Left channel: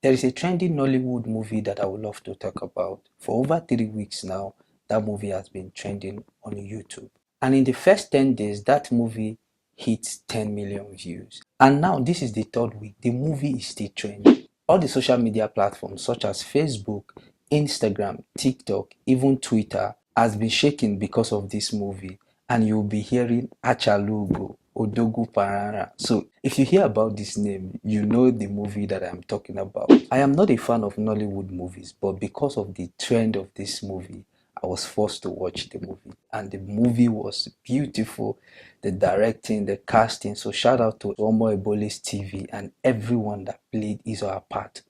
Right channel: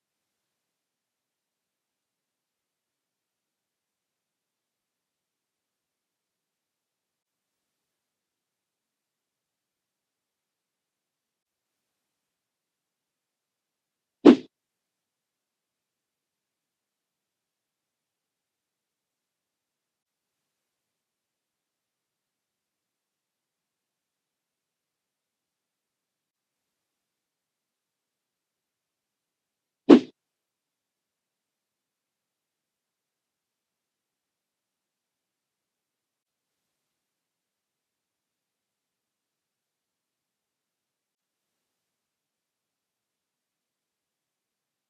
There is a trending Nollywood movie that I would love to talk about. For over 3 weeks now, that movie has been trending on YouTube. And in the first 10 days, that movie hit 10 million views. And now, this is the third week, the movie is still trending. All the social media platforms such as Facebook, Instagram, TikTok, even Twitter has been shaken because of this movie. And you'll be hearing Achalugo, Odogu Parara. So if you hear about this name, you know the movie that I'm talking about. I am not a fan of Nollywood movies, but because of the trend of this movie, I was forced to watch the movie. And the movie was beautiful. The directing, the casting. So shout out to Omo Ebole's TV and everyone that played his or her part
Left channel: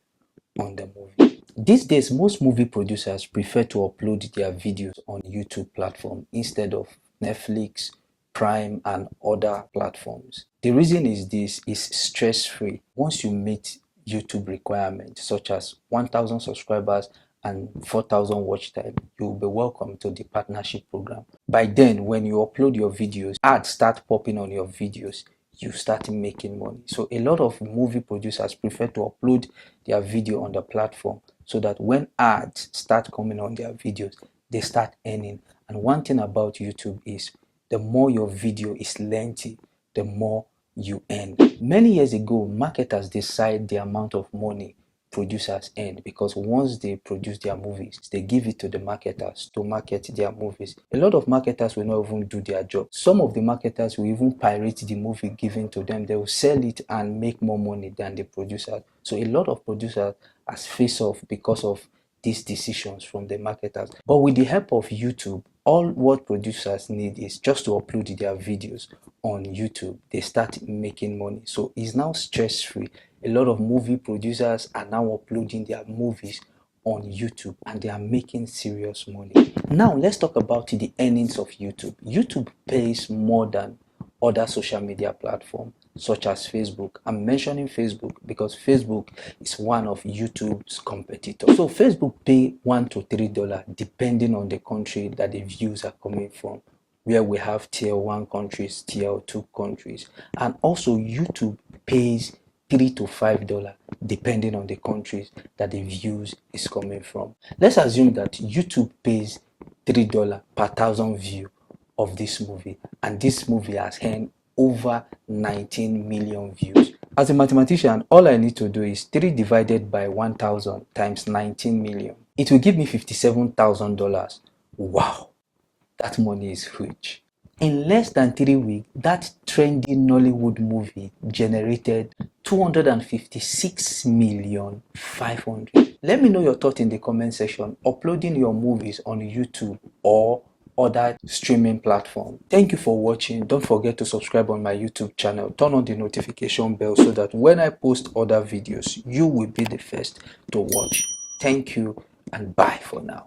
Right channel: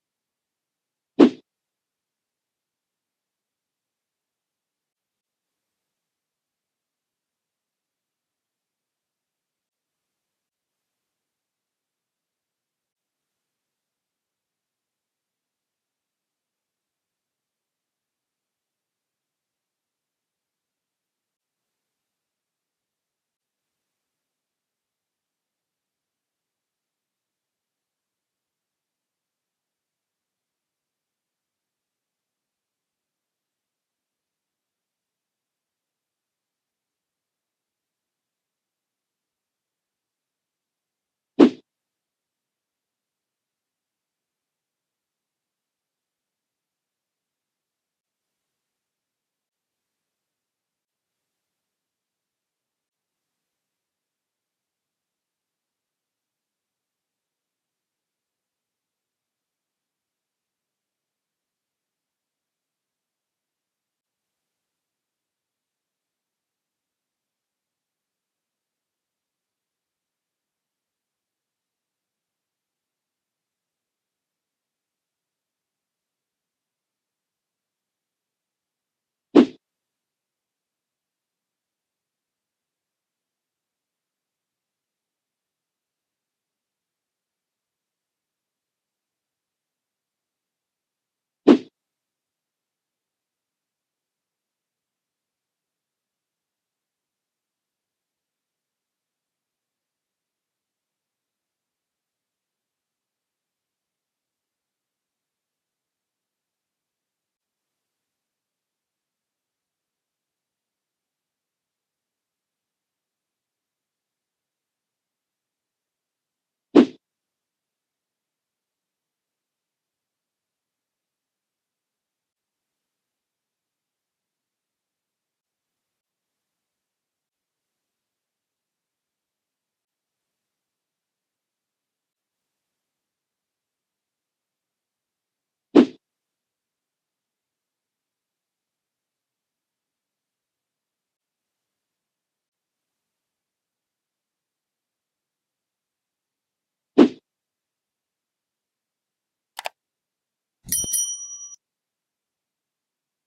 on the movie. These days, most movie producers prefer to upload their videos on YouTube platform instead of Netflix, Prime, and other platforms. The reason is this is stress-free. Once you meet YouTube requirements such as 1,000 subscribers and 4,000 watch time, you will be welcome to the partnership program. By then, when you upload your videos, ads start popping on your videos, you start making money. So a lot of movie producers prefer to upload their video on the platform so that when ads start coming on their videos, they start earning. And one thing about YouTube is the more your video is lengthy, the more you earn. Many years ago, marketers decide the amount of money producers earn because once they produce their movies, they give it to the marketers to market their movies. A lot of marketers will not even do their job. Some of the marketers will even pirate the movie given to them. They will sell it and make more money than the producer. So a lot of producers has face off because of these decisions from the marketers. But with the help of YouTube, all what producers need is just to upload their videos on YouTube. They start making money. So it's now stress-free. A lot of movie producers are now uploading their movies on YouTube and they are making serious money. Now let's talk about the earnings of YouTube. YouTube pays more than other social media platforms such as Facebook. I'm mentioning Facebook because Facebook is one of YouTube's competitors. So Facebook pay $1 to $3 depending on the country that the views are coming from, where we have tier 1 countries, tier 2 countries, and also YouTube pays $3 to $5 depending on the countries that the views is coming from. Let's assume that YouTube pays $3 per 1,000 view of this movie, and this movie has earned over 19 million views. As a mathematician, all I need to do is 3 divided by 1,000 times 19 million. It will give me $57,000. Wow, that money is huge. In less than 3 weeks, that trendy Nollywood movie generated 256,500,000. Let me know your thought in the comment section. Uploading your movies on YouTube or other streaming platform. Thank you for watching. Don't forget to subscribe on my YouTube channel. Turn on the notification bell so that when I post other videos, you will be the first to watch. Thank you and bye for now.